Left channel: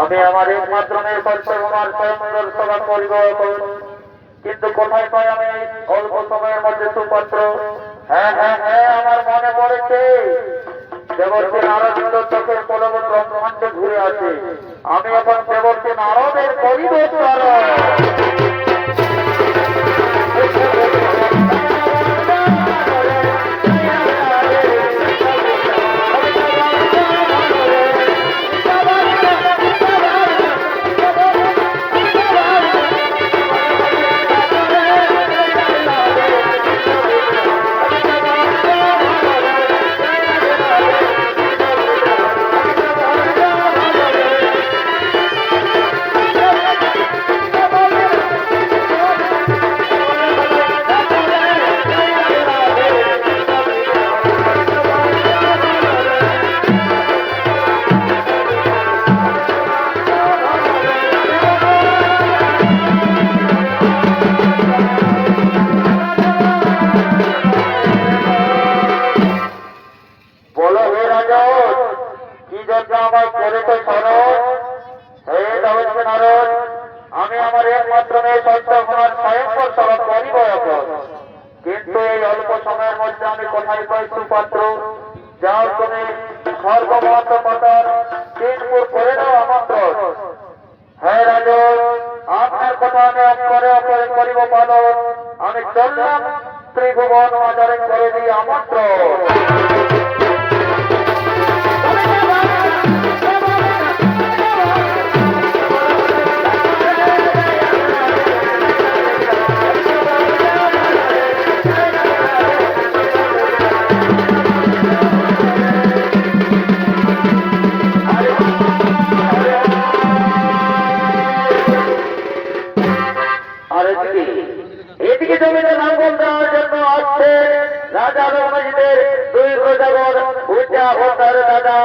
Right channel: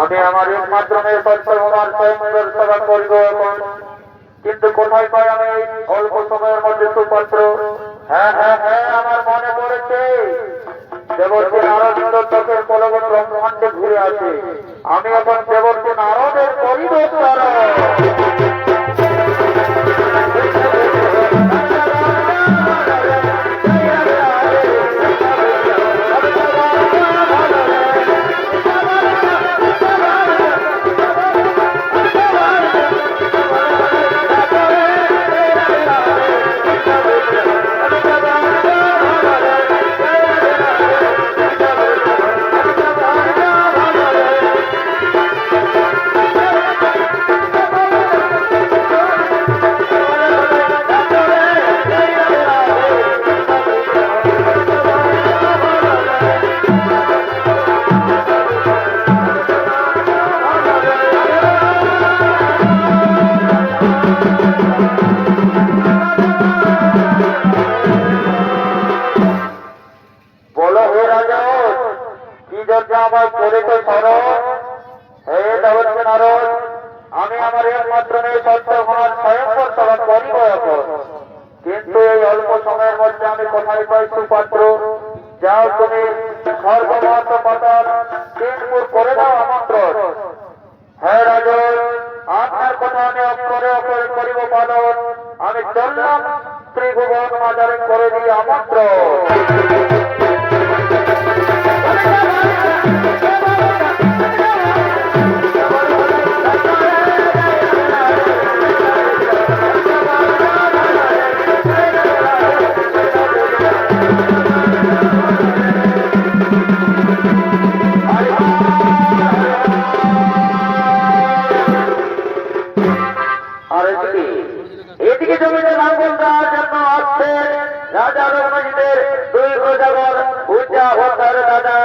আমি আমার একমাত্র মেয়ে সত্যবান স্বয়ংবর সভা করিব এখন, কিন্তু কোথায় পাই আমি অল্প সময়ের মধ্যে সুপাত্র? হ্যাঁ হ্যাঁ হ্যাঁ, আমার মনে পড়েছে, দেবর্ষী নারদ চোখের পলবন ব্রহ্মাণ্ডে ঘুরে আছে। আমি এখন দেবর্ষী নারদের পরিবেশ আমি আমার একমাত্র মেয়ে সত্যবান স্বয়ংবর সভা করিব এখন, কিন্তু এই অল্প সময়ের মধ্যে আমি কোথায় পাই সুপাত্র? যাও তুমি সর্বমহত্ব পাতার তিনপুর করে দাও আমন্ত্রণ। হ্যাঁ রাজন, আপনার কথা আমি অক্ষরে অক্ষরে করিব পালন। আমি চললাম ত্রিভুবন বাজারে করে দিই আমন্ত্রণ। এদিকে জমিতে লাঙ্গল দেওয়ার জন্য আসছে রাজা রঘুমজিদের দুই প্রজাগণ পূজা হতার দাদা।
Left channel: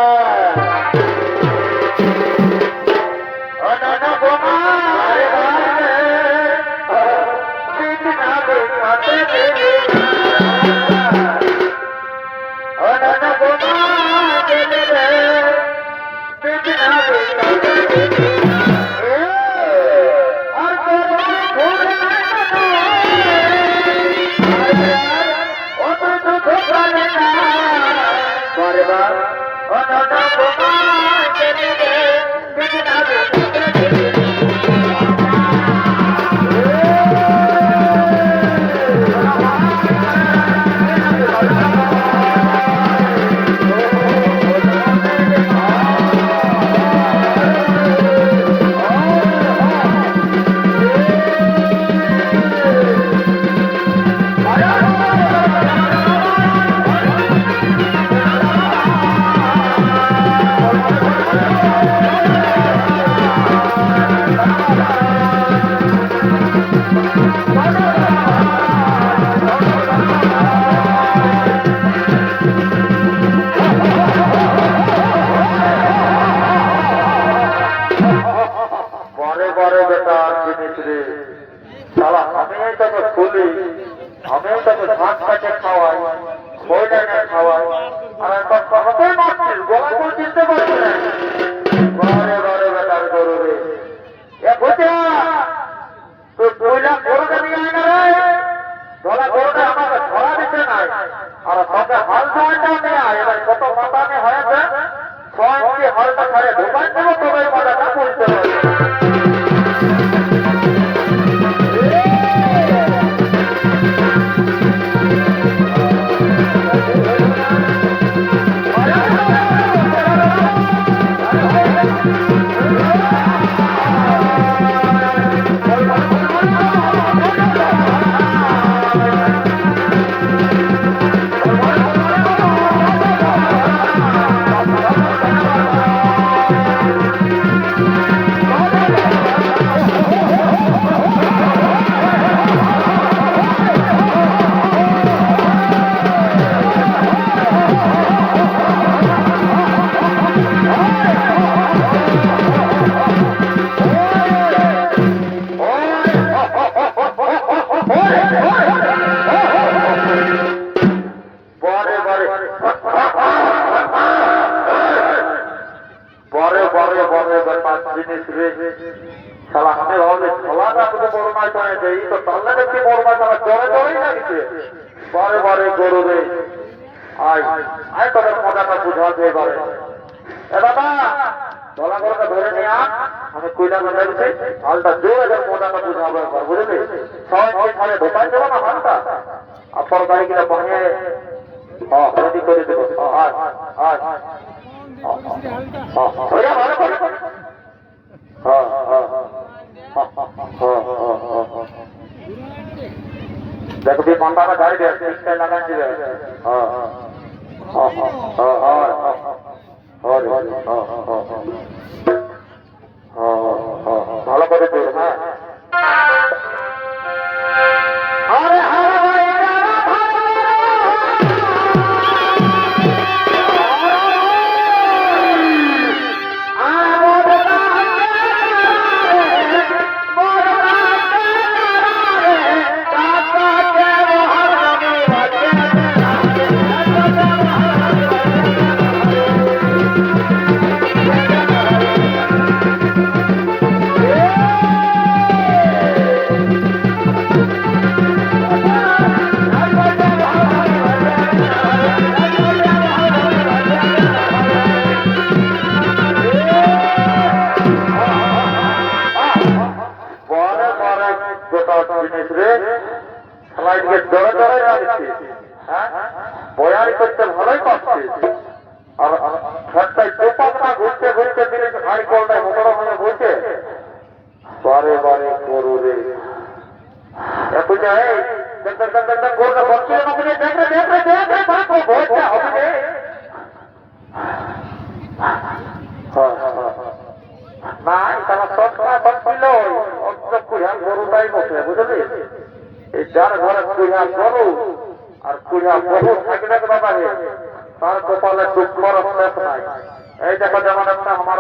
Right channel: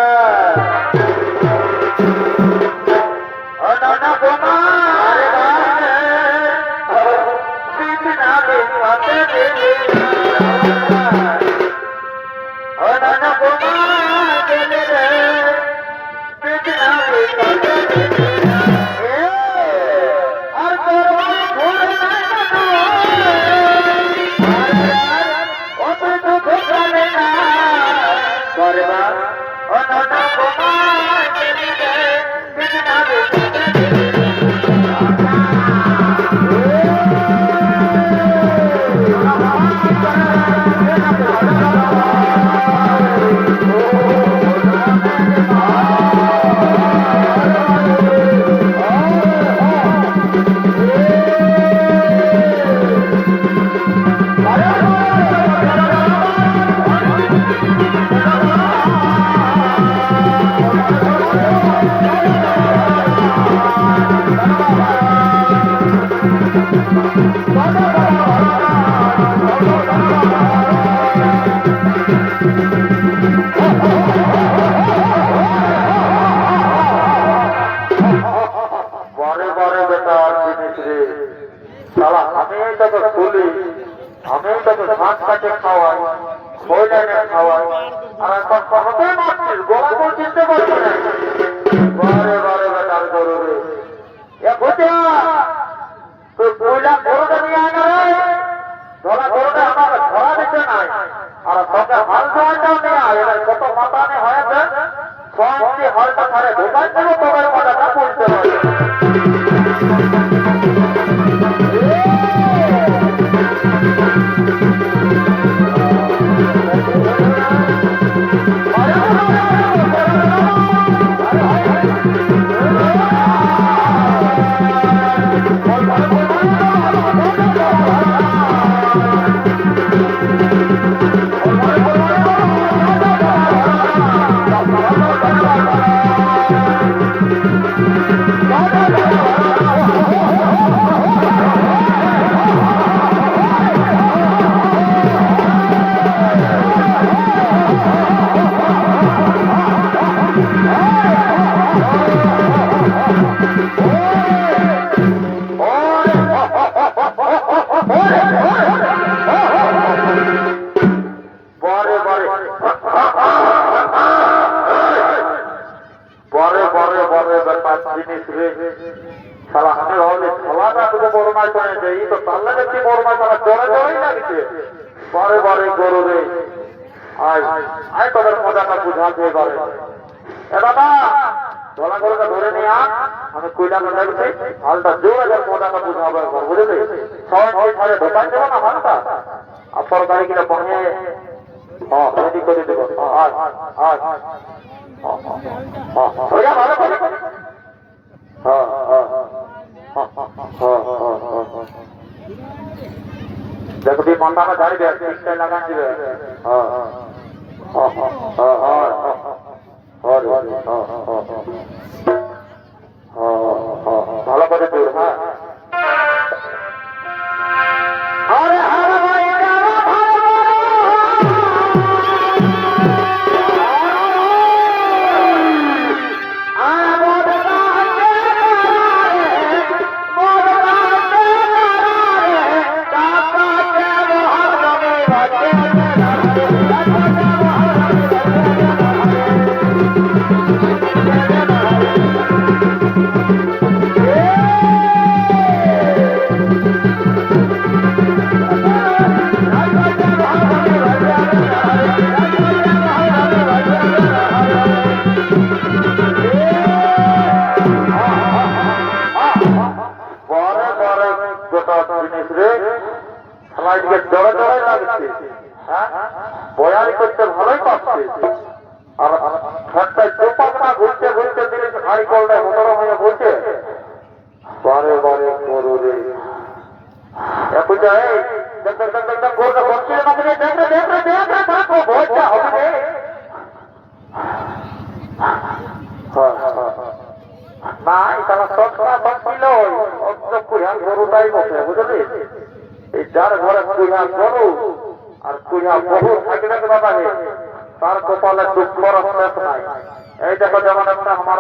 এই দেখো যেমন একটা আমার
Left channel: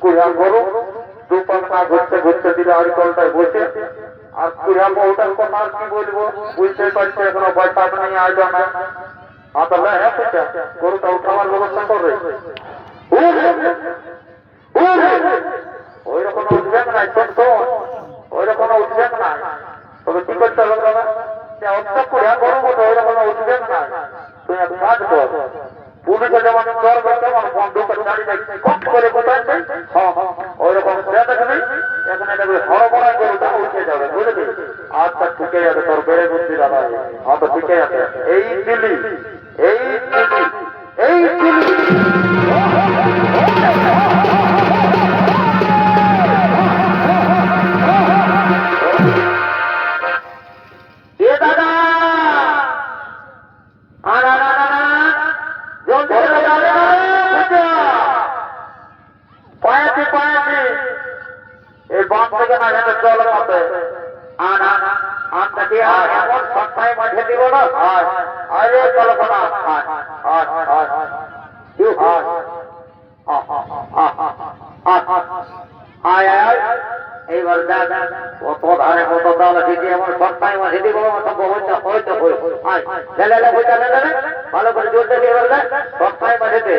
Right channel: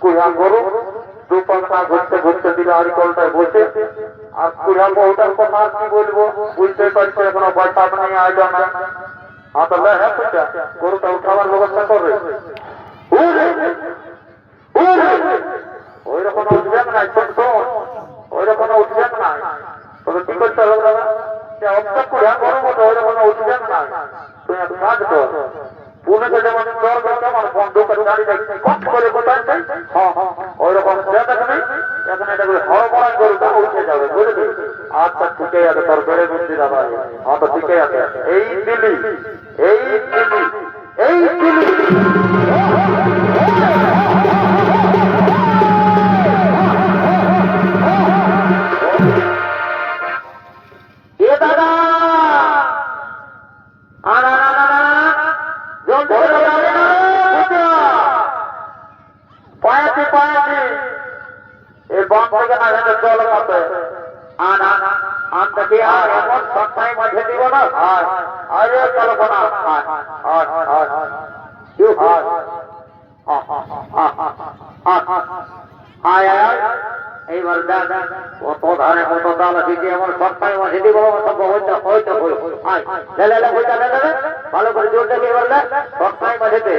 কুড়া গরু দু পাখনা ঘুরতে ঘুরতে দিলে আর কলটায় বসে আর পুরা বহুটার কথা আর কি বলবো, বুঝতে পারছি এখনো পয়সা নিয়ে আইলো না। তাহলে হ্যাঁ সেটা গরুটা উঠাবার ব্যবস্থা করবে, ওই রকম উঠবেন না, শোন শোন, ওই রকম উঠবেন না। তবে কি করতে হবে দাদা, অবস্থা পুরা গরম হতো, ওই রকম উঠবেন না। তুই এক কাজ কর, পুলিশে যেমন দর করতে আমার বন্ধুকে গাড়ি দেখছি কট করে কোথায় ওই রকম দেখবি, এখানে দেখবি হড়বড়াই গরুটা উঠে যাবে, বুঝলি? আচ্ছা ঠিকই আছে, তোর বেড়ে বুদ্ধি দাদা। তো ঠিকই আছে, এই দিলি এই দিলি এই দিলি জল মতো আনতে এমন সবটাই মাঝে দিব না। আরে কল্পনা এইবার কত ধারে কত ডাল দিচ্ছে, এমন সবটাই মাঝে দিব ভালো করে জোর দেখে এবার সবটাই মাঝেতে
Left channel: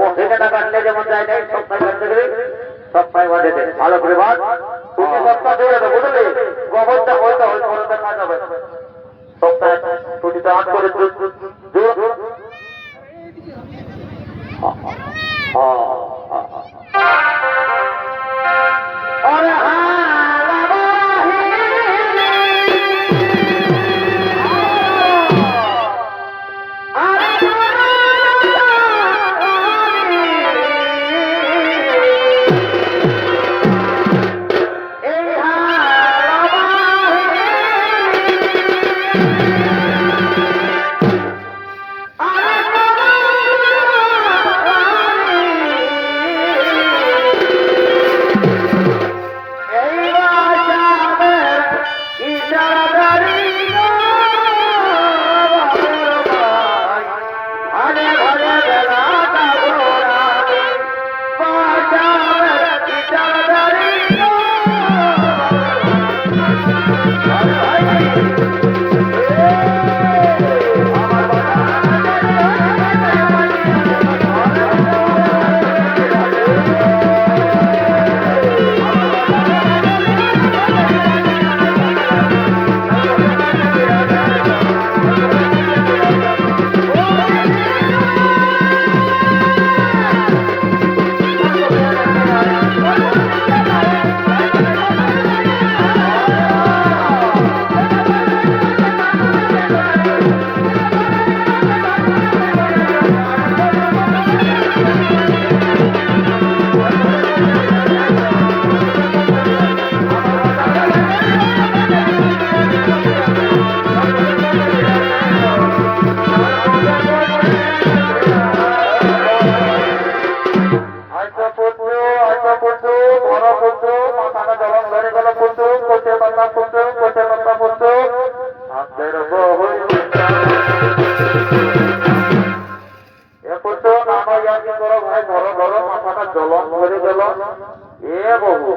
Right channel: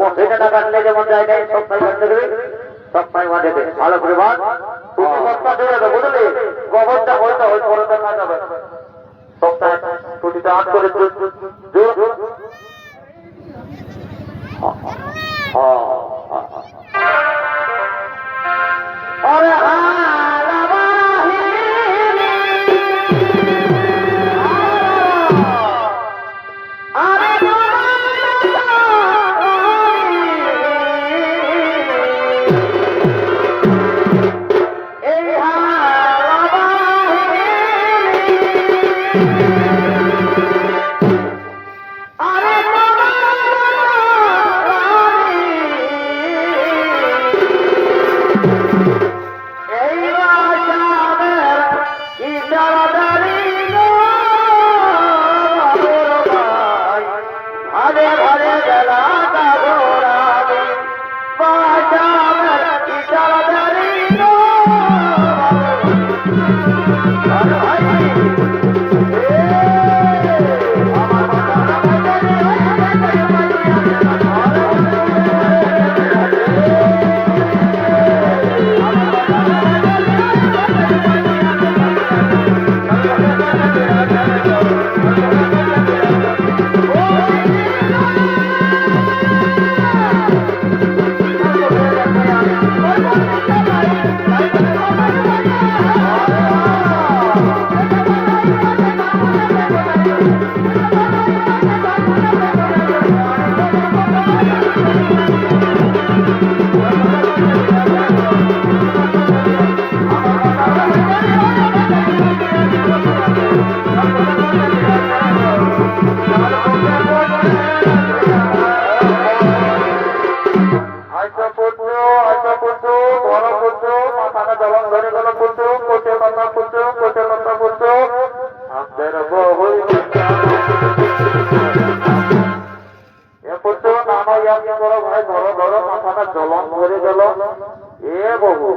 বসে টাকা নিলে যেমন যায় নাই সবটাই মাঝে দেবে, সবটাই মাঝে দে ভালো করে ভাত তুমি সবটা জোরে দেবো, বুঝলি? গোবরটা হয়তো ওই করে দেখা যাবে সবটাই টুটিতে হাত করে আরে জলন ধরে গেল এ বহু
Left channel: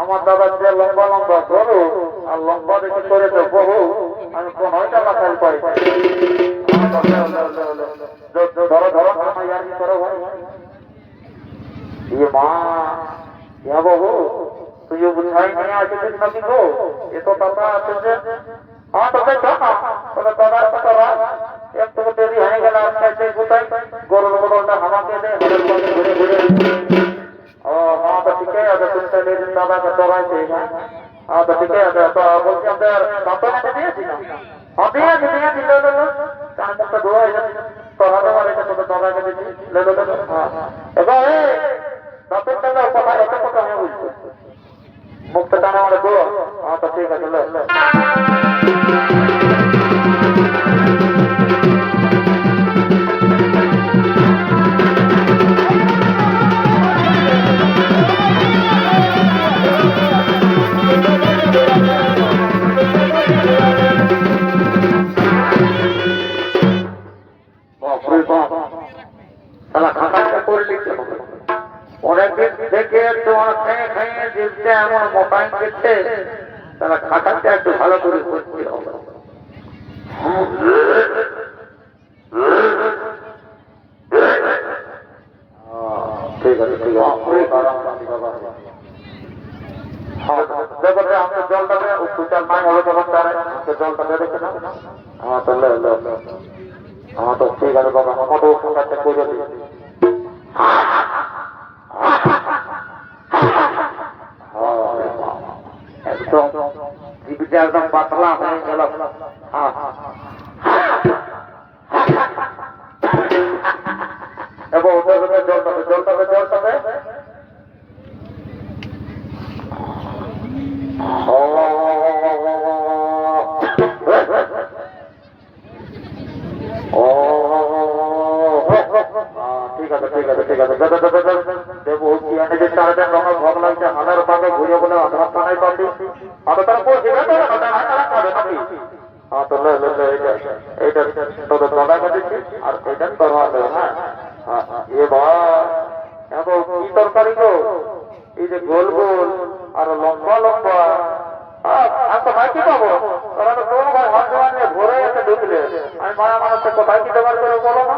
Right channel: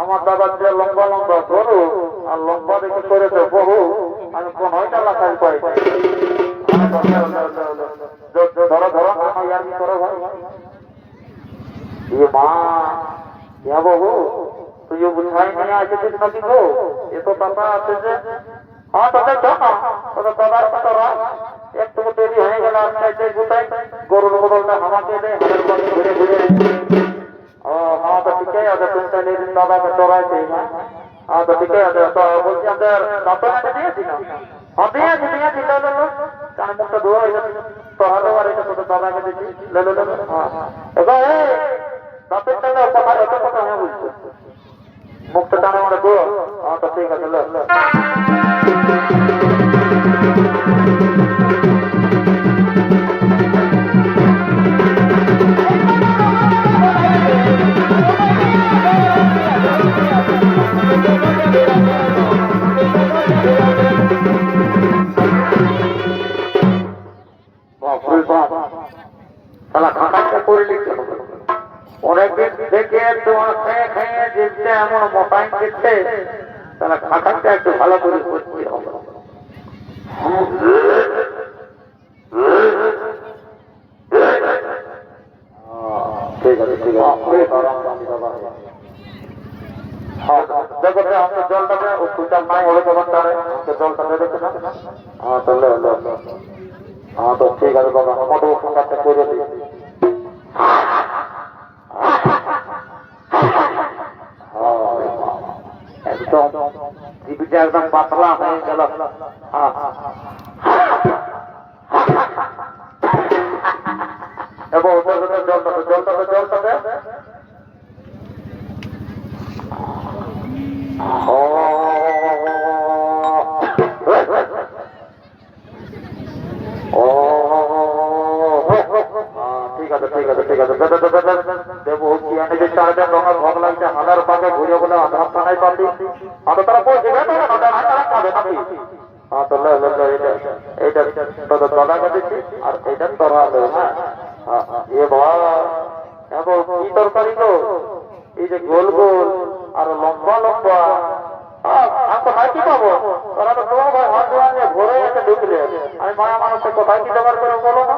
আমার দাদা যে লম্বা লম্বা ধরো আর লম্বা দেখে করে তো বহু আমি কোন লাখাই পাই ধরো ধরো করো ভাই মা বহু তুই বুঝাই নিয়ে আসিস নাকি গো এ তো দাদা আছে যে হ্যাঁ তোদের তোদের দাদার কথা একটু দেরি হয়ে গেল আজকে গোটাই গরুর বদলটা আমাকে দেয় ঘুরে ঘুরে ও হ্যাঁ তো ঠিকই আছে তুমি তাহলে দাদাকে চড়াইছে হ্যাঁ তো ঠিকই আছে তো বলছি আমাদের দাঁতের কাছে দিয়েছি না হ্যাঁ দিয়েছি কারণ মুখটা ধোয়া হয়ে গেছে চড়ানো আর এটা তোদের দাদাকে দিয়েছি হ্যাঁ এবার দাঁতের টাকা কথা এত কথা আমি বুঝছি মুখটা টানা মানে ধোয়া হ্যাঁ তো ঠিক আছে খাতা করে লিখতে হবে মোটাই করতে তাহলে খাটাকে একটু ভালো করে করতে হবে। ঠিক আছে ঠিক আছে দেখো আমাদের জলটাকে সুচার নাই হলে কেমন তারে জলটা দেখে না। হ্যাঁ তাহলে হ্যাঁ তো ঠিক আছে বাবা আমাদের ওখানটা করে দিই। একদম জীবিকা একদম পাতলা হয়ে গেল। এবং জলটাতে ঠিক আছে ঠিক আছে ঠিক আছে দেবো কি আমি যে চারটা রঙের ভোগ লাগছে হানার পাকে ঘুরে বলে আধার থানায় পাবি আধা তারা পৌঁছে গেছে তারা খাবে নাকি। হ্যাঁ তো এইটা তোর দাদা কেটেছি আর ওইটা তোর হ্যাঁ এ ভাই এত কি তরকারি গো এই যে গোল গোল আর লম্বা লম্বা আমি কোথায় কি পাবো তোরা তো তোমার ভাই হাত ধোয়া নিয়ে ঘরে এসে ঢুকলে আমি মায়া মানুষকে কোথায় কি জোগাড় করে বলো না।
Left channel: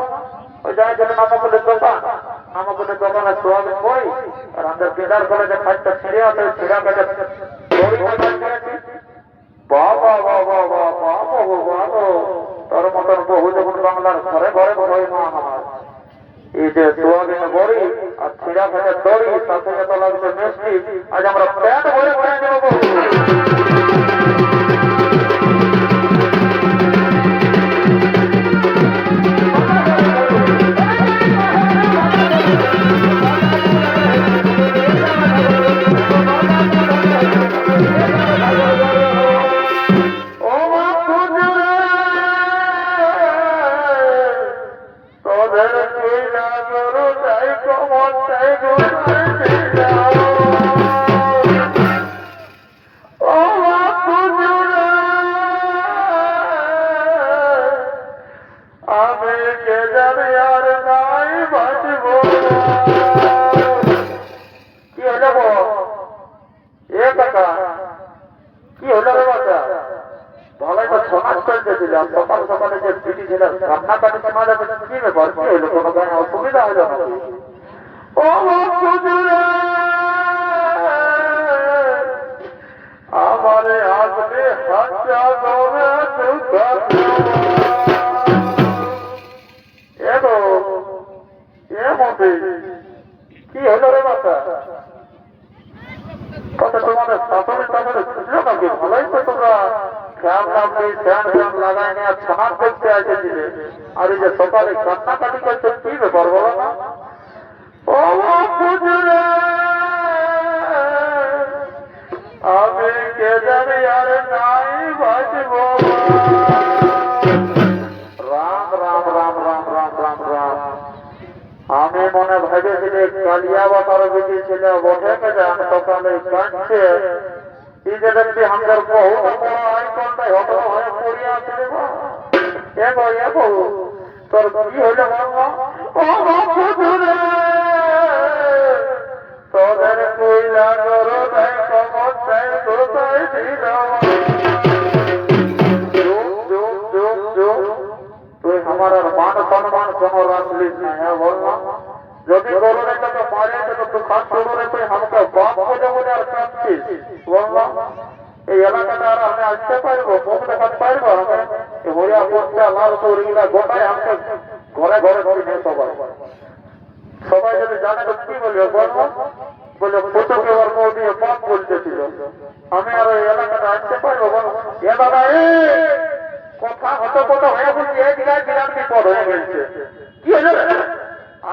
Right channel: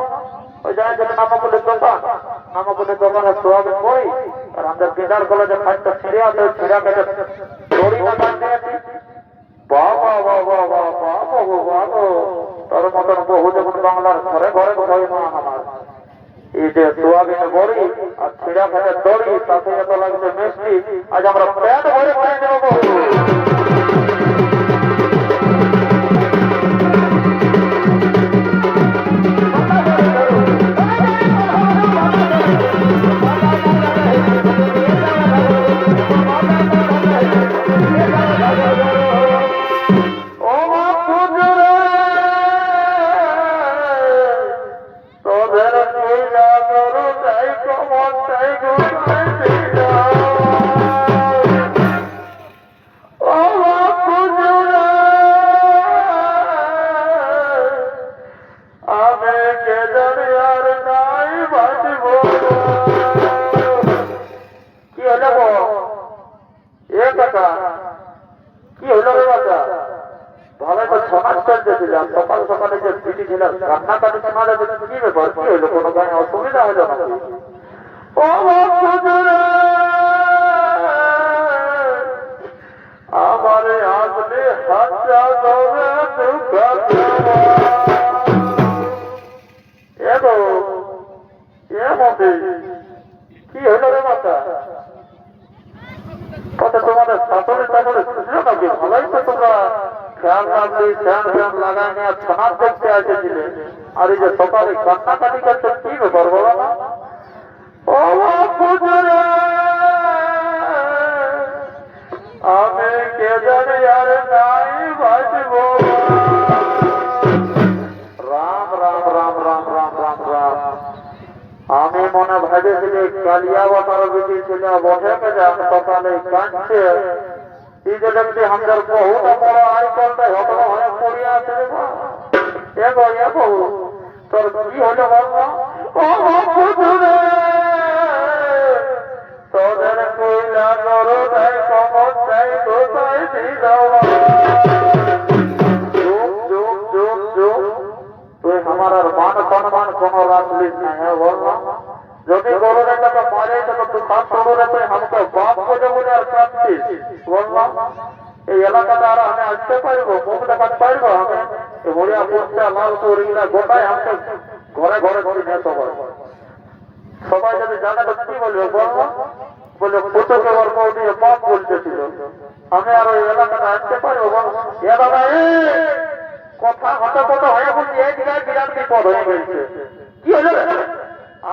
ওই জায়গায় যেন নামাকুলের দোকানে সোয়াবিন বই আর আমাদের বিদার কলেজে খাটটা ছিঁড়ে আছে ছিঁড়া কেটে দড়ি মাথাচ্ছি। বাবা বাবা বাবা বাবা তোর মতন বহু যখন বাংলার ঘরে ঘরে ঘরে না আমার এই যে সোয়াবিনে বড়ি আর ছিঁড়া কেটে দড়ি তাতে এত লাগছে মিষ্টি আজ আমরা প্যাট ভরে ভরে নেবো। কি হলো রে বাচ্চা ভালো তো সমাজ চলতেছিলাম সকাল সকালে যে বিটি ছিলাম রান্না কাটি শোনা যাবে কি ব্যাপার কি হইলো কোনো গায়ে অসুবিধা হলো নাকি। ও আমারে আসলে হাতটা ধরে এগো কি হইলো রে বাচ্চা কথা তোমাদের শাসনে শাসনে ছিল নাকি ভালোই তো তোমরা ফ্যান লাগাই নিয়ে ছাদ দেখতে এসেছিলে আর এই যে সকালে কান্নাকাটি করছে কি ব্যাপার বলো না। ও আমি কে জানি আর নাই বাঁচব। রাম রাম রাম রাম রাম রাম রাম আমি মনে ভেবেছিলি কালিয়া বাবার বেটি ছেলে বসে পেলে আমি সকালে কাঁদছে এই যে দেখছি আমাদের বহু বড় আইকনটাই হতো হয়ে পড়িয়া আছে এগো এগো তোর কি হইলে বলবো ও তোদের কইলা করো তাই কমর চাই কোথায় তুই আমার আর মান সম্মান কোনো রাখলিস না হ্যাঁ বলবো যদি বলো রে তো মারে তো তুই খাস করো রে তুই আমাকে বাপ করে বলে আর কাঁদছিস বলবো এই এলাকাটা আর আমি আসতে পারবো মুখ দেখাতে পারবো আমি হরিয়া পড়ছে লাল চৌরিগুলা গোটায় আমাকে ঘরে ঘরে ঘরে নিয়ে সবাই যদি জানে তো কি বলবে বলবো বলে পুতুকে ওর মৌ দিয়ে বাপ বলতেছিল আমি আর ওই এলাকাটা আসতে পারবো এ দাদা কথা হতো কত হয়ে বলছি এই জায়গায় বিরাট বিপদ হয়ে গেছে কি হলো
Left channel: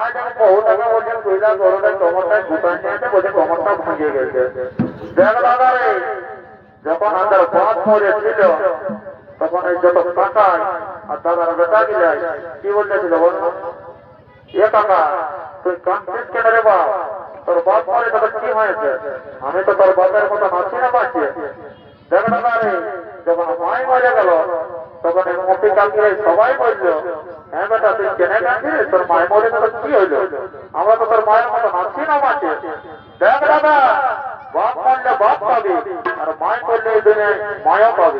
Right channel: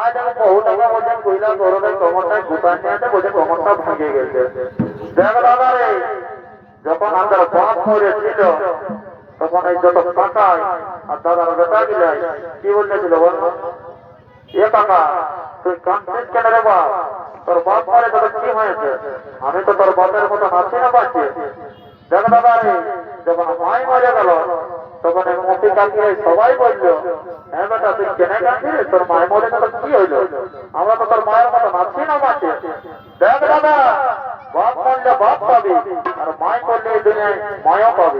আজ আমি বহু টাকা বলছেন কইলা গরমের কমরটায় গুটান নিয়ে বলছে কমরটা ভাঙিয়ে গেছে দেখ দাদা রে যখন আমাদের বাপ মরেছিল তখন এই যত টাকায় আর দাদার বেটা গিলাই কি বলতেছিল বলবো এ টাকা তুই কাঁদছিস কেন রে বাপ তোর বাপ মরে তোর কি হয়েছে আমি তো তোর বাপের মতো নাচি না পাচ্ছি দেখ দাদা রে যখন মাই মরে গেল তখন মুখে কাঁদিয়ে সবাই বললো হ্যাঁ বেটা তুই কেনে কাঁদছিস তোর মায়ের মরে তোর কি হইলো আমরা তো তোর মায়ের মতো নাচি না পাচ্ছি দেখ দাদা বাপ করলে বাপ পাবে আর মায় করলে এই দিনে মায়ও পাবে।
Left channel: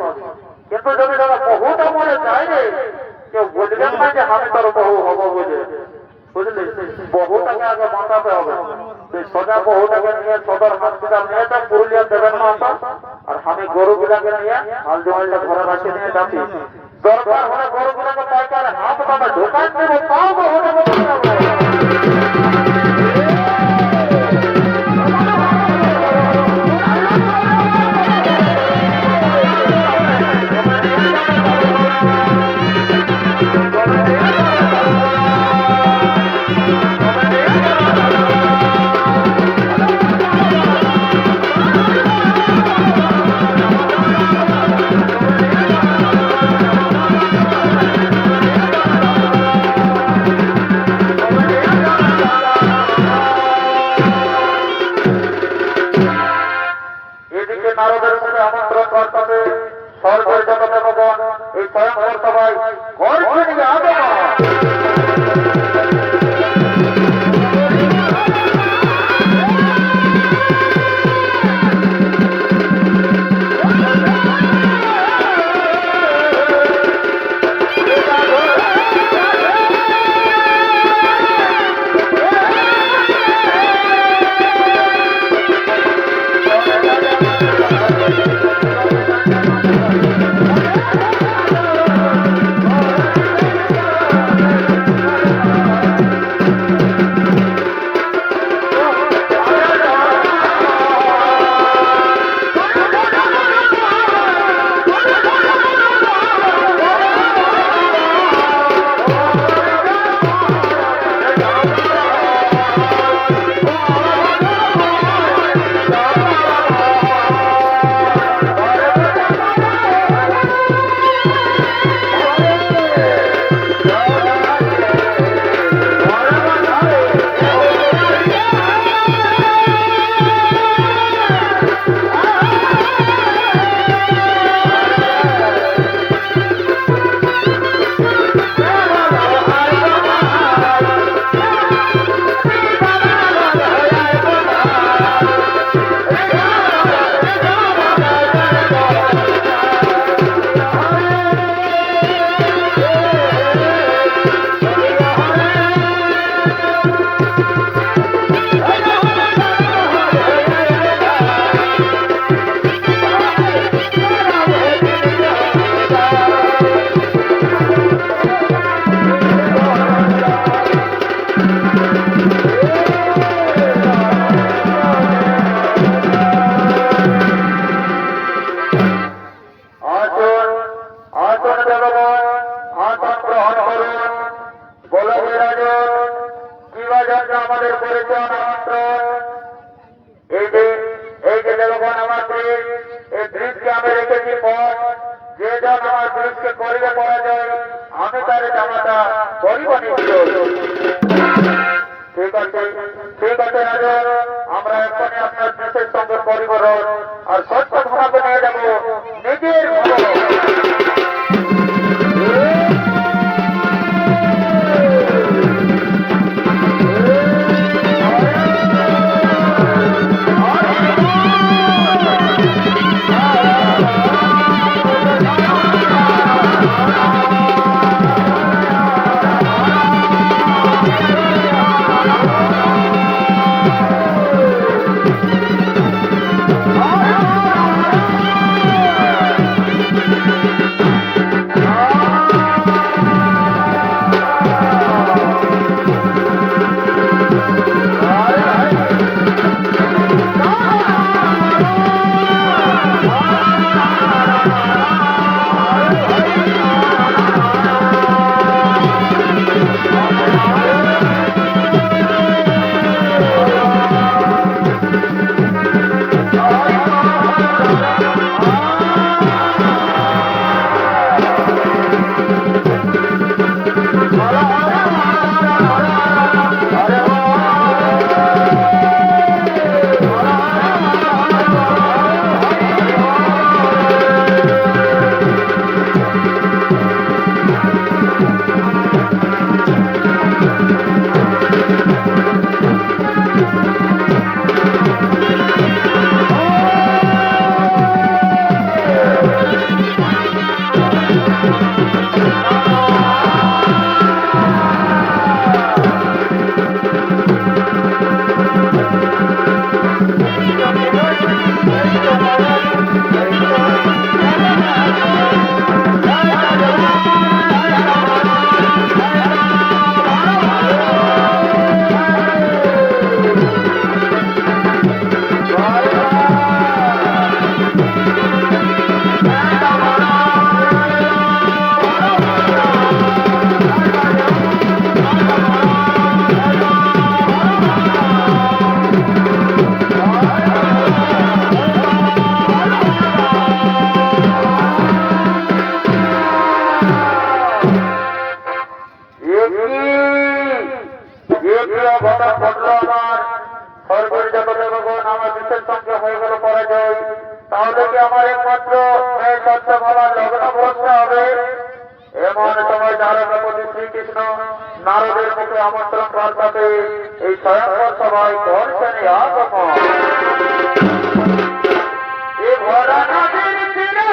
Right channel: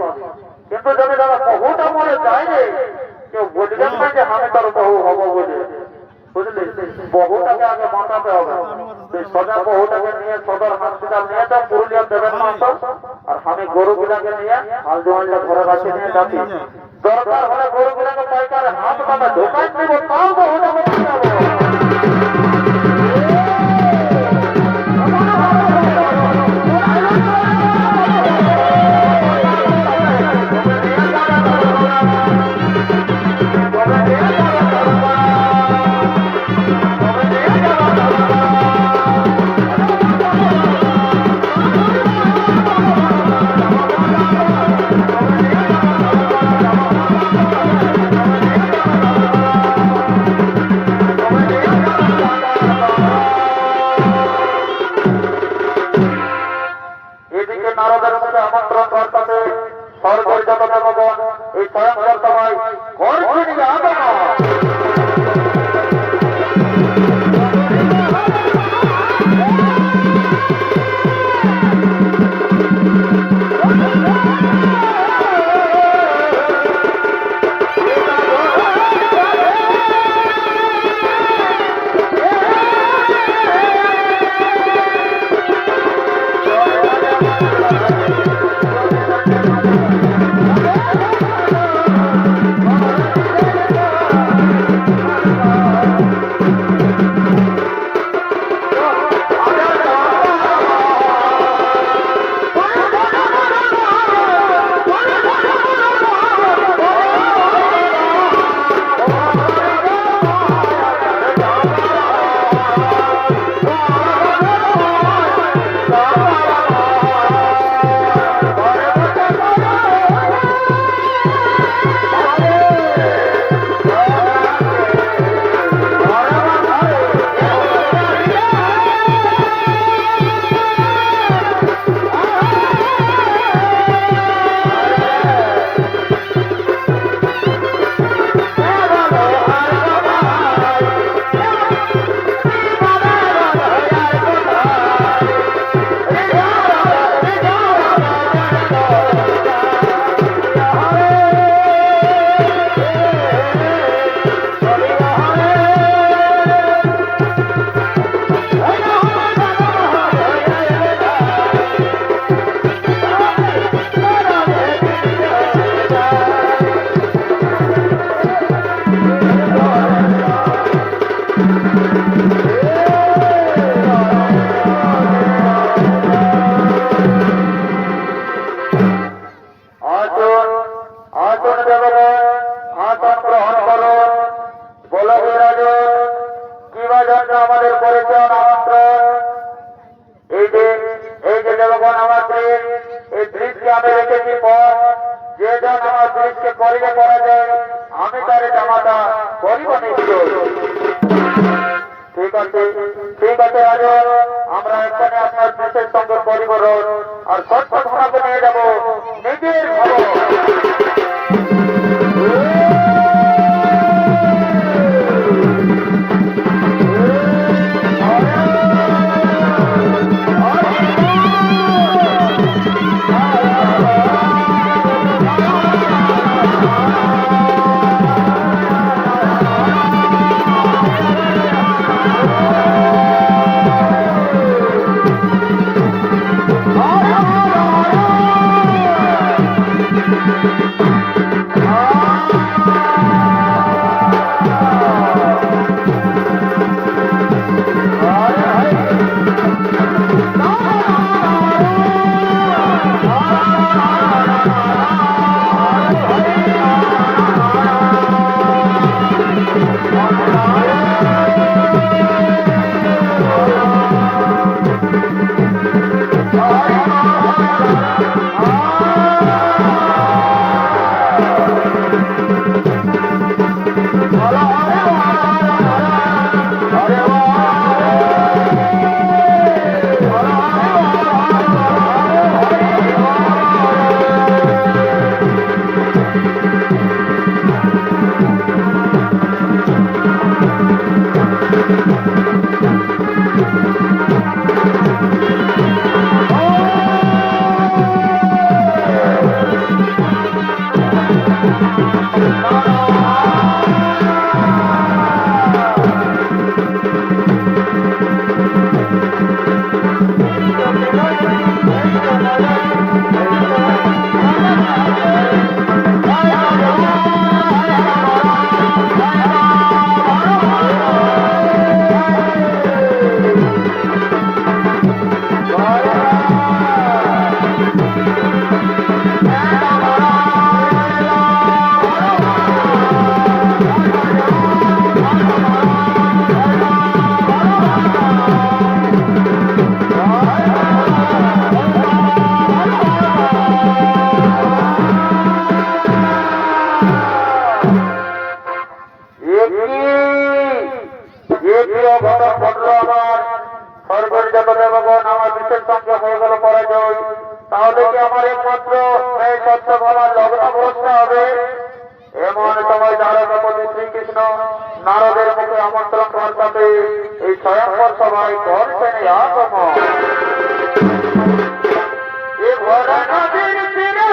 কিন্তু যদি দাদা বহুটা মনে চাইলে কেউ বুঝবেন না যে আমি তোর বহু হবো বলে, বুঝলি? বহুটাকে আগে বাঁচাতে হবে। সোজা বহুটাকে নিয়ে সদর হসপিটাল নিয়ে যাও, পুরুলিয়া দেবেন না। আর আমি গরুগুলাকে নিয়ে হাল জমিটা ঘরে রাখে নিয়ে যাচ্ছি। দরকার হলে গরুগুলাকে পাইকারে হাত টাকা ঢোকান দেব, তাও বহুটা বলে যাবো। এই স্বয়ংবর সবাই ঘর থেকে আগে আমাদের পরিচয় আমন্ত্রণ। এই যে দেবগণ আমার ব্রিজ, এই ব্রিজকে আমি রেখেছি পথ, যে জন আমার ব্রিজকে করিলে পড়া যায় আমি তার জামাটা করিব নিশ্চয়। ঠিক আছে, ঠিক আছে রাজন, আমরা এখানে আপনার ব্রিজের সঙ্গে করিব রোজ, আর সত্য ধর্মকে নিয়ে যাব নিজের ভালো। তাহলে কি আমার একমাত্র এই সত্য ভাবার লগ্ন ভরসা হবে? এমন সময় দ্বারকাপতি শ্রীকৃষ্ণ নারদের মুখে আমন্ত্রণ বার্তাতে এই স্বয়ংবর সভায় করছেন আগমন। এ ভরা নদীর তীরে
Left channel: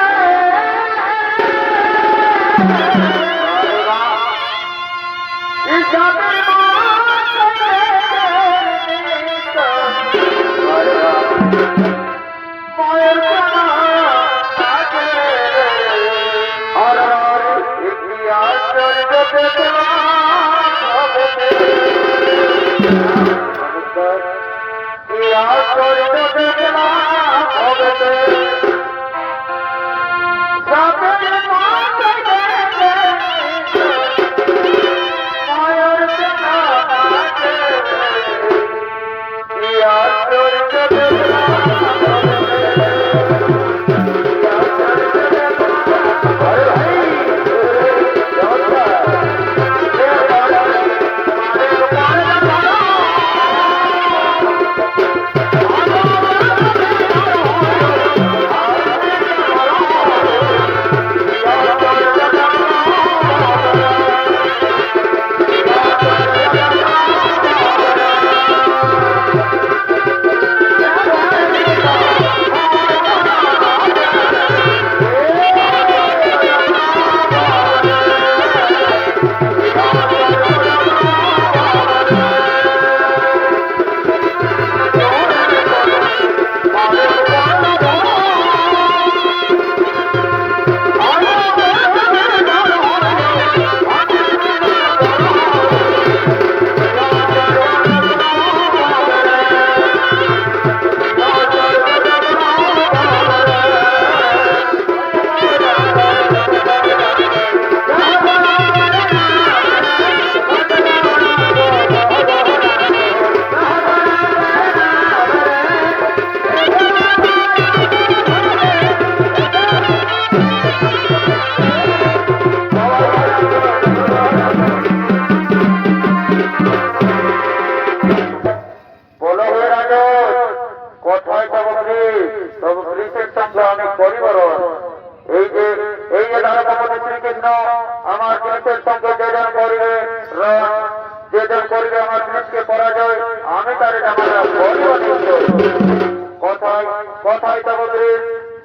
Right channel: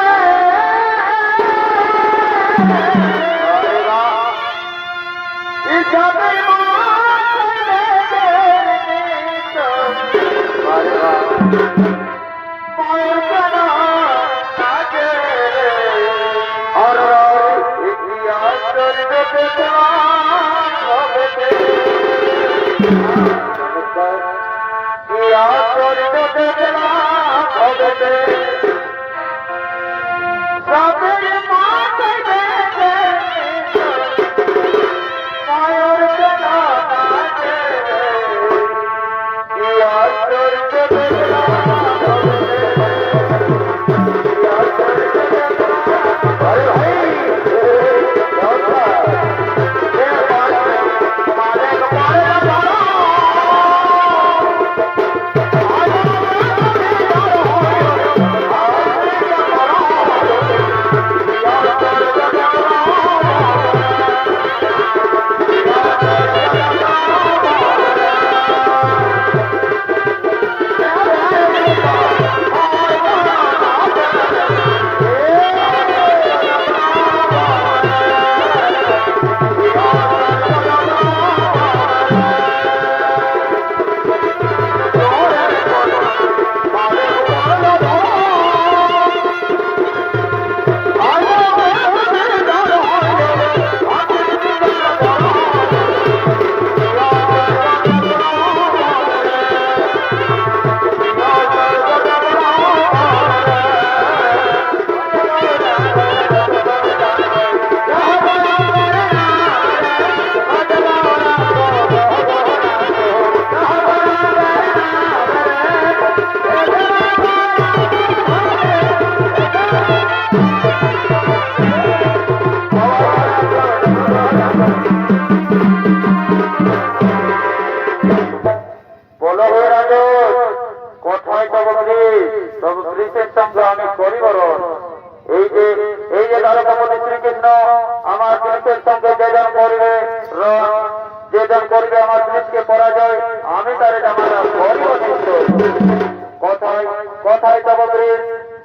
কথায়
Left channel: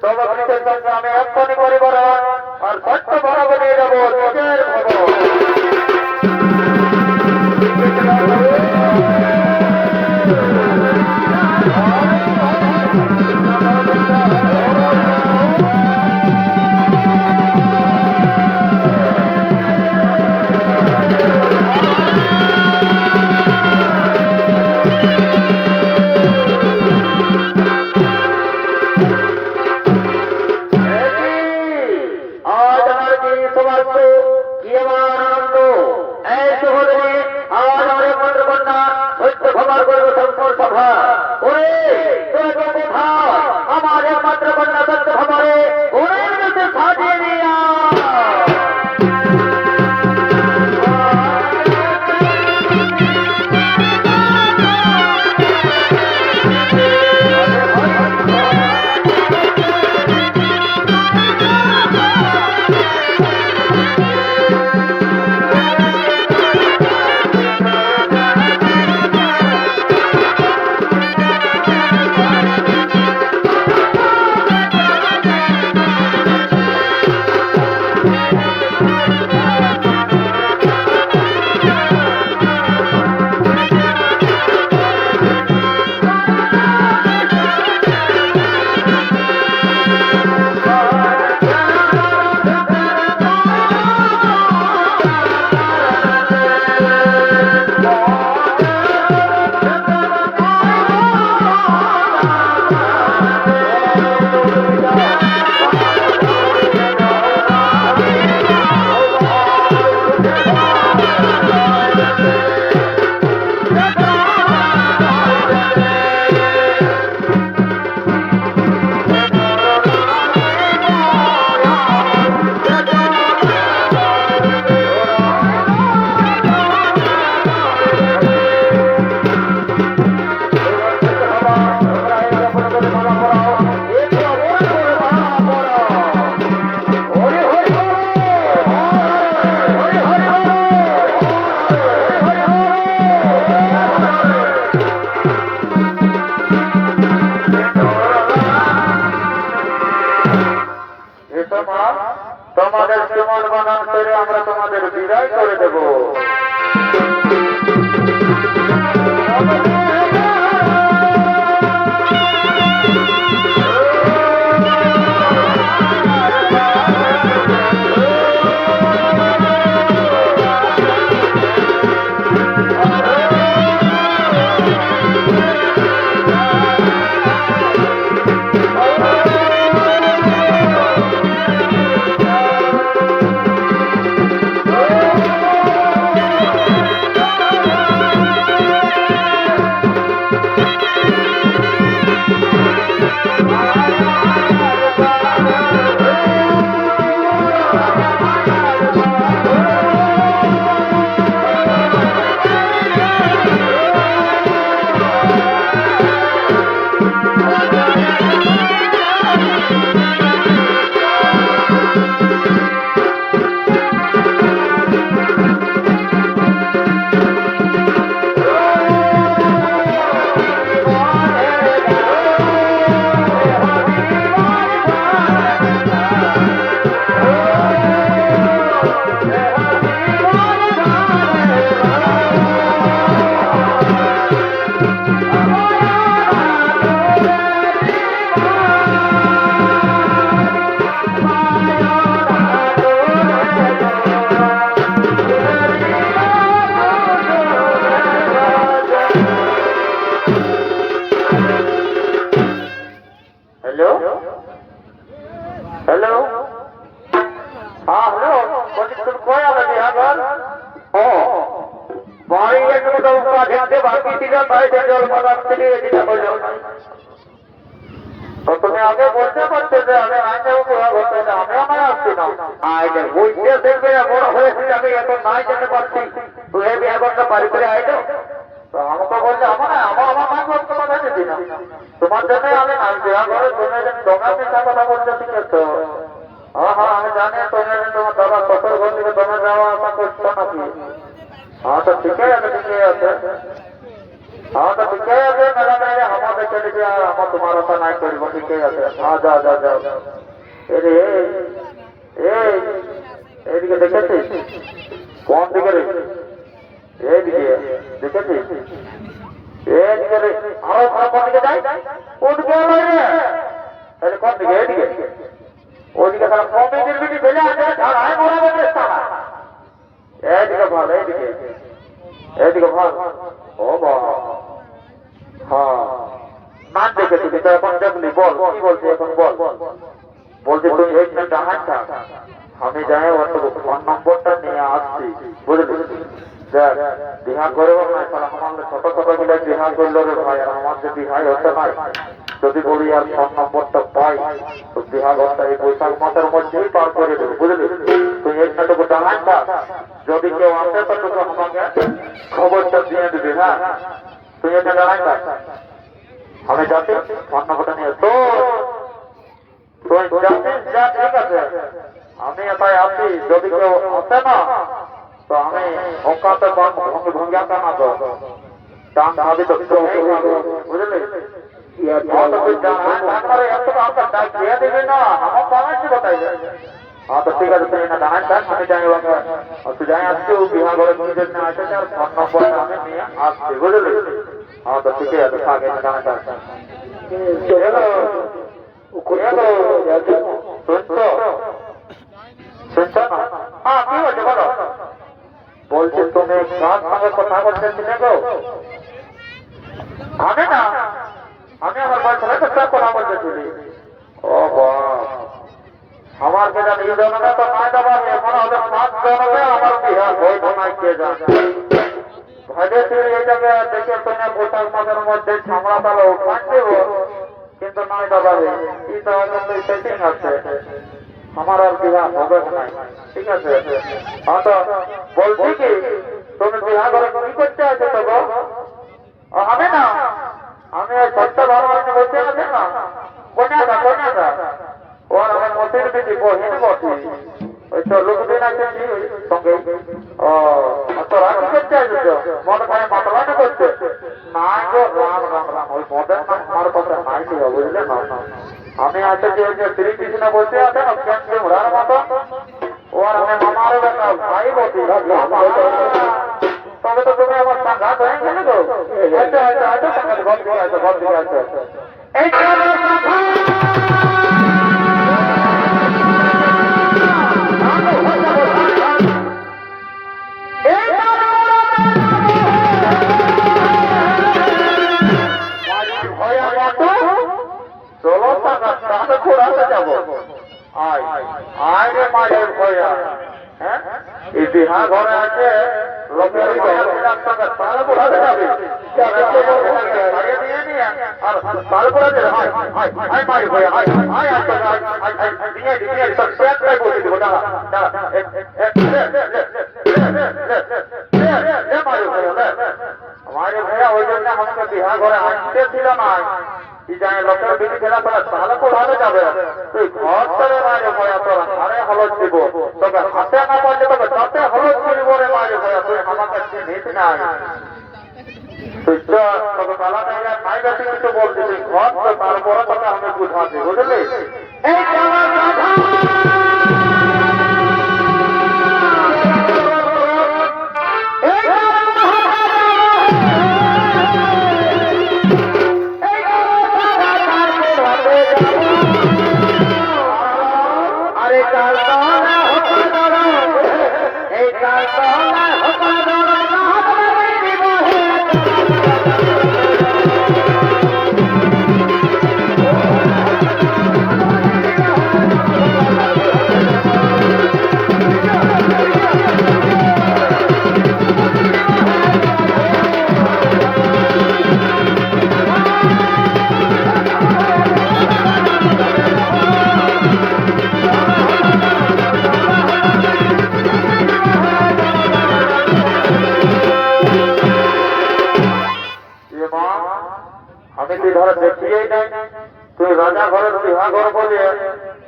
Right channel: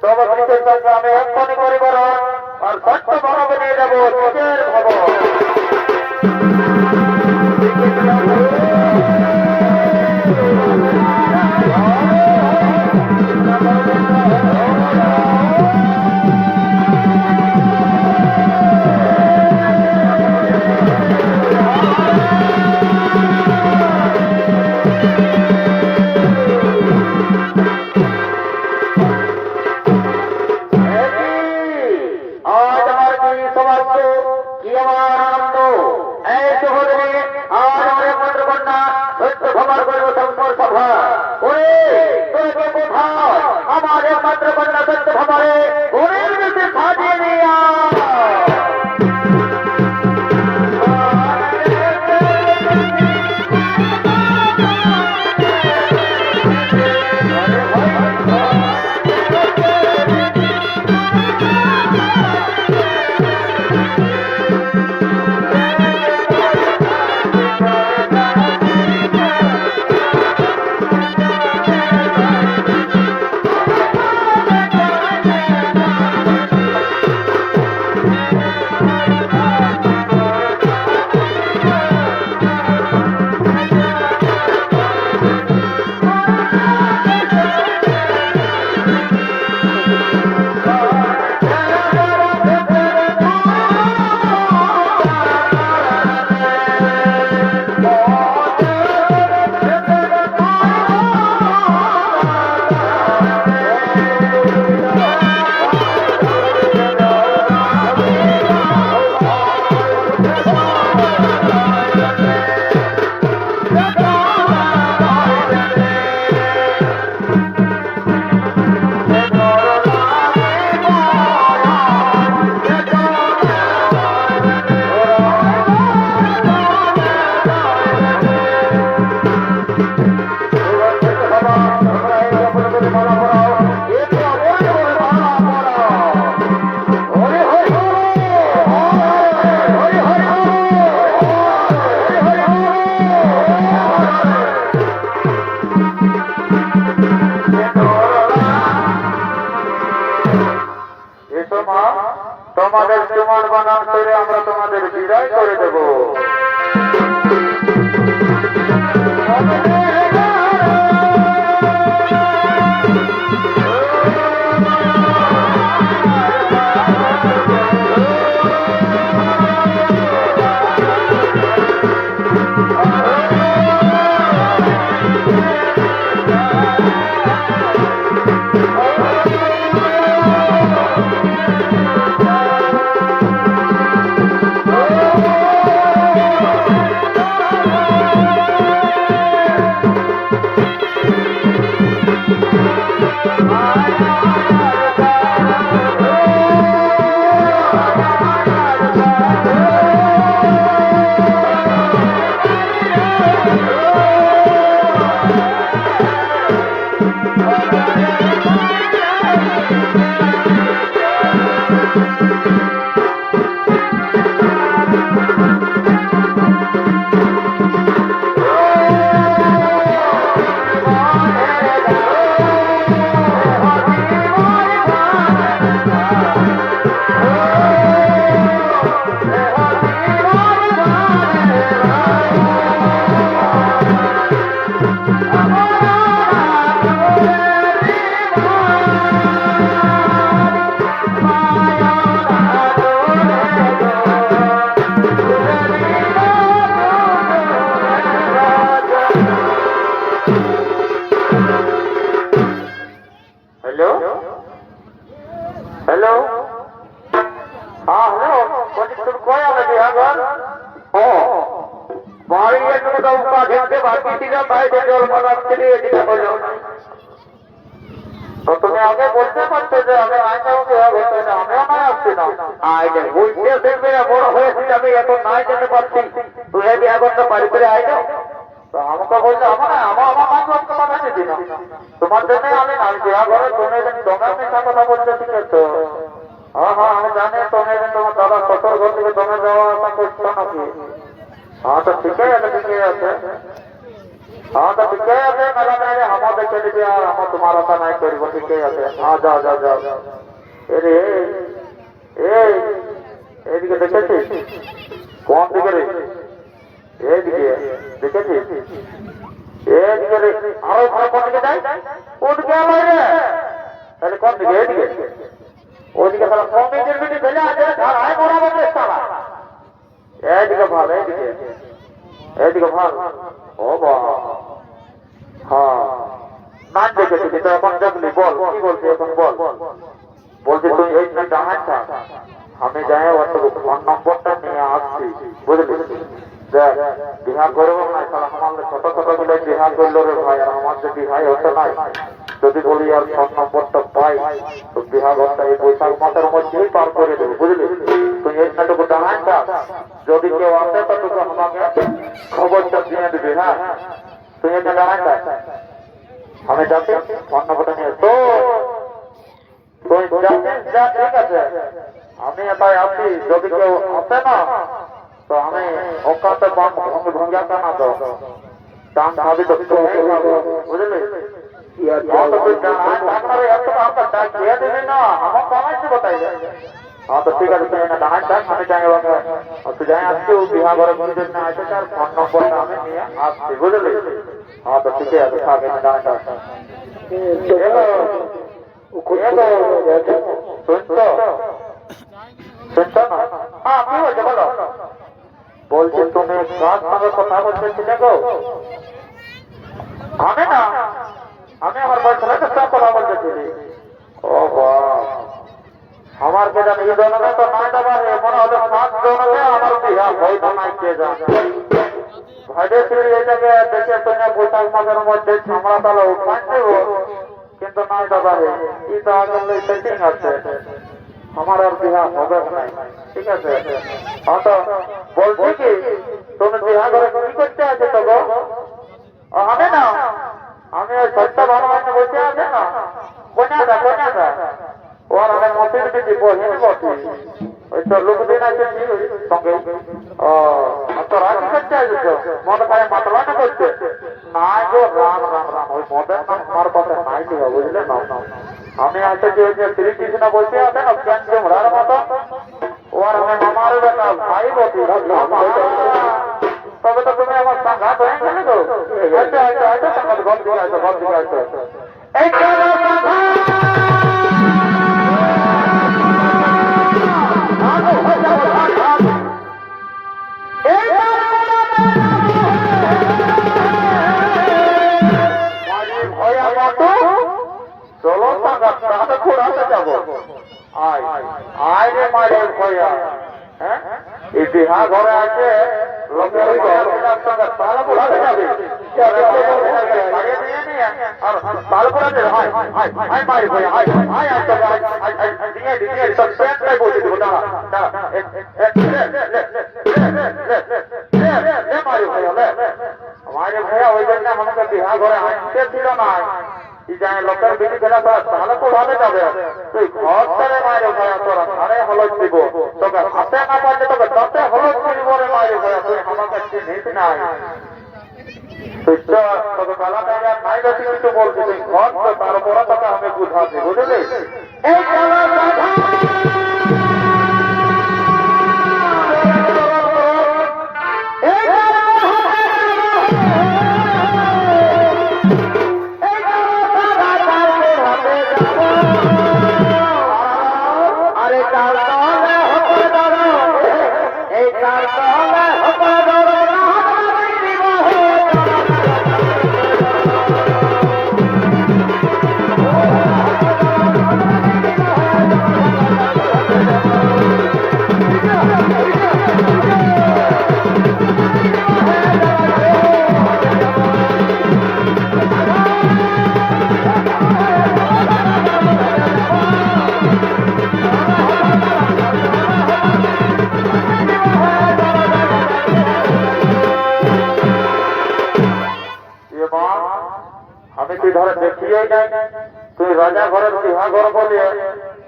তবকৃতের সঙ্গে আমি এক্ষণি করিবার আর সত্য ভাব নিয়ে যাব নিজের ভাব। আমার একমাত্র কন্যা সত্য ভাবে ওরের দেশে সাজিয়ে নিয়া এসো মা, তোমাদের সুমন বানান করে আমরা তোমাদের বিদায় করে দেব। हेलो हेलो हाँ हेलो तुम कोई आ रही है घर ओ बारी के तुम तो उसका देखते बाकी चीजें भाई से जो मदद के लिए जितना बोलो तो तुम्हें आगे बोलते पड़ते थे हमें आगे हो गया बोलते थे हमें हमारे आपसे ना आए थे वो इतने से मेरा बोला हुए थे अभी ये तो ना जाने पड़ती तुम्हें भी आगे का पारी करे आए जाओ तो हमको बोलते हमारा हमारा मांगो आपको पता नहीं थी ना तुम्हारे में हमें नाम दिया बोले तुम्हें जब दोनों में क्या पता बोलते थे तो हाँ हाँ हम जाने तुम्हें तुम दादा ससुर बोलते कि दोनों जाओ ऐसा कुछ तो नहीं हाँ तो ठीक है ठीक है हाँ तो ठीक है मेरा मेरे हमारे चले गया हम तुम्हारा था नहीं करी ठीक है हाँ जाओ जाओ जाओ अरे এদিকে দেখেছিস কোন দিকে রে এইদিকে দেখেছিস এইদিকে রে আরো খারাপ কোন দিকে যাই ওদিকে রে আরে কোন দিকে এইদিকে ওদিকে তাহলে কোন দিকে দিকে ফেলে আছে ধারায় বরাবর চেষ্টা এইদিকে ভালো এইদিকে ভালো ও বাবা হ্যাঁ না দেখেছি কিন্তু এখন দেখলি বল কি বলছিস এখন বল বলছি তুই এইখানে ডাঙায় থাক আমি যাই ওর ফোন নম্বরটা নিয়ে আসছি বুঝলি দেখ বিহা করবো না তাহলে আমাদের ছোট ছোট গুলো বিহা করলো রে ভাই আর আমার যে বিহাই হতে নাই যদি বলি আর ফোন নম্বরটা পাই তো বিহা ঘরটা এই বৈশাখ মাসের মধ্যেই পার করে দেবো বুঝলি তুই এইখানটুকু ডাঙায় থাক যদি কেউ আসে তো তোকে আমাকে খবরটা দিয়ে দিবি হ্যাঁ তুই এখানে ডাঙায় থাক আমি যাচ্ছি ফোন নম্বরটা নিয়ে তো তুই যাচ্ছিস যা ঠিক আছে আমি এটাই আছি যদি কেউ আসে না তো আমি ওখানে ভঙ্গিয়াটা না তো চান ভাবি তো বুঝলি हाँ तो ठीक है डांस डांस हमें जाएगा तू जाए आपके बिहार घरे मंदिर में आते हैं फोन नंबर हमें नहीं आपसे बुझले हाँ तो ठीक है तो आगे में डांस डांस चलो सुनतो सुनतो ना हाँ की बोलते बोलो बोलते तुम्हें कान संगे কথা বলতে ছিলে গো हमें ना हमें हमारे बॉयफ्रेंड के साथ কথা বলতে ছিলে ओ वाह हमारे के जान ये दोनों में तो ना दबा है मना होता सात दोनों में हमारे बिहार कोई बना के जा भागे फिर ये जगह देखे तुमने बोतल मगर मध्य हमरा तालो पांचे हो किंतु ना दबा है ये तो आगे ले सेटिंग करते हमारा बिहार होगा नहीं ठीक है हाँ तो बोलती कि तुम बिहार घर की करते आते तो गो हमें ना हमें सत्ता बार में बोलते आते ना कोना था और हमें मोतिर भी वो हिंद बोलती ওই তো লোকদিন আছে সঙ্গে ও তোরা কি করতে আসিস মদ খায় মাতলাটা করছে না গো রাম রাম রাম ওই মদের আমার কথা নাই ছিল বুঝলে না আমি আছে যে শ্রীকৃষ্ণ বলতে আছে না কেন যে মরার মতো ওর আমি আমার ভাই বলছি তবে তো তুমি আমার সাংঘাত হয়ে গেলে তো আচ্ছা আচ্ছা আচ্ছা সাংঘাত ঘর দিকে আসো ঘর দিকে আসো এই চলো তাহলে ঘোরাতে যাবো আয় আয় রে মায়ের ভয়া হ্যাঁ এই বিহা ঘরে আছে লোকের তাহলে ঘোরাতে যাবে তাহলে ঘোরাতে হায় হায় হায় মায়ের ভয়া হায় হায় দিয়ে দিয়ে তোর পেটটাই বসে দেবো দাঁড়া দাঁড়া মায়ের ভয়া ওই জন্য আমাকে বিহা ঘরে আনতে ছিল না লোকের বিধি খেলা তোরা তাহলে কোথাতে যাবে তুই ঘর চলে মায়ের ভয়া তোরা ঘরে হলদ দিব তোকে হাতে না পারলে তোকে তাতে হলদ দিব রে মায়ের ভয়া তুই আমাকে চিনিস নাই তুই তোকে বেলা টাইলে নাই বেশি কিছু বলছি তুই ঘর তো তার বড় কথা আমি বুঝাচ্ছি বুঝলি এই আমি তুই ধর দেখিয়েই নাই তুই রাজা ঘরের বিহা ঘর বলিয়ে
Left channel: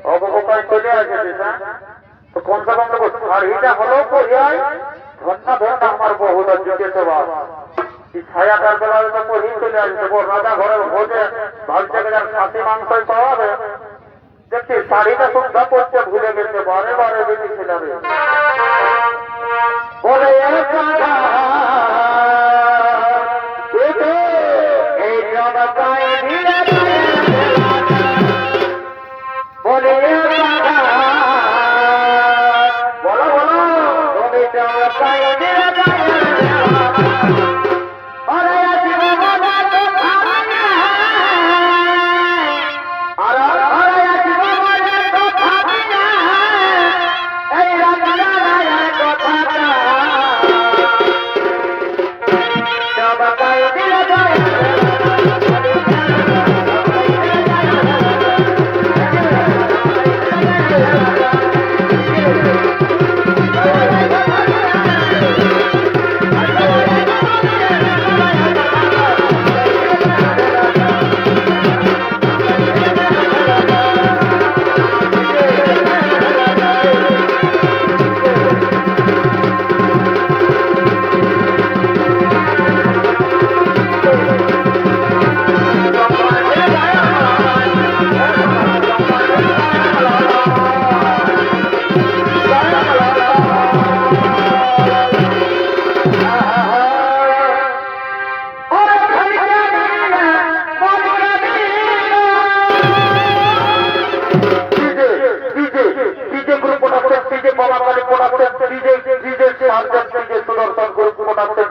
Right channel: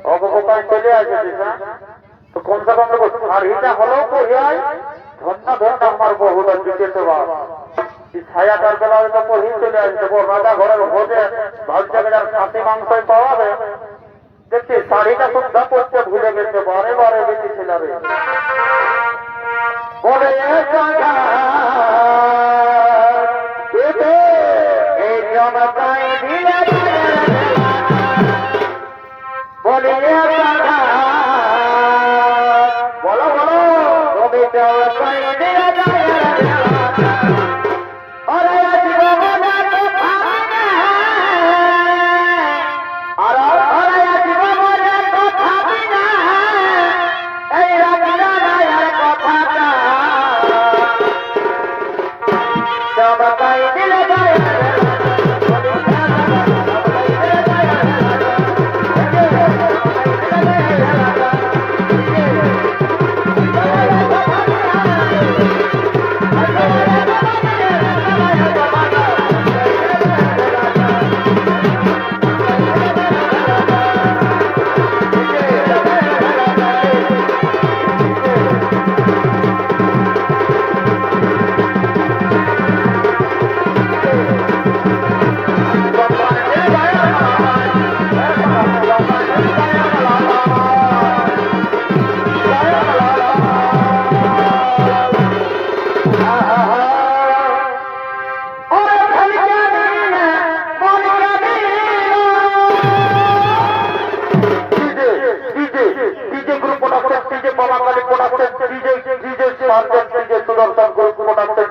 অবকাশ চলে আসিস হ্যাঁ তো কমসে কম দেখো শাড়িটা হলো পড়িয়াই ধন্যা ধন্যা আমার বহুটা জিতেছে বাপ ছায়া তার বেলা তো পড়ি চলে আসছে রাজা ঘরের ভোজে ভাগ জায়গার খাসি মাংসই পাওয়াবে দেখছি শাড়িটা সুদ্ধা পড়তে ভুলে গেছে বারে বারে বেশি ছিলাবে বলে বলো বলো সুদর্শন গ্রুপ মোটামুটি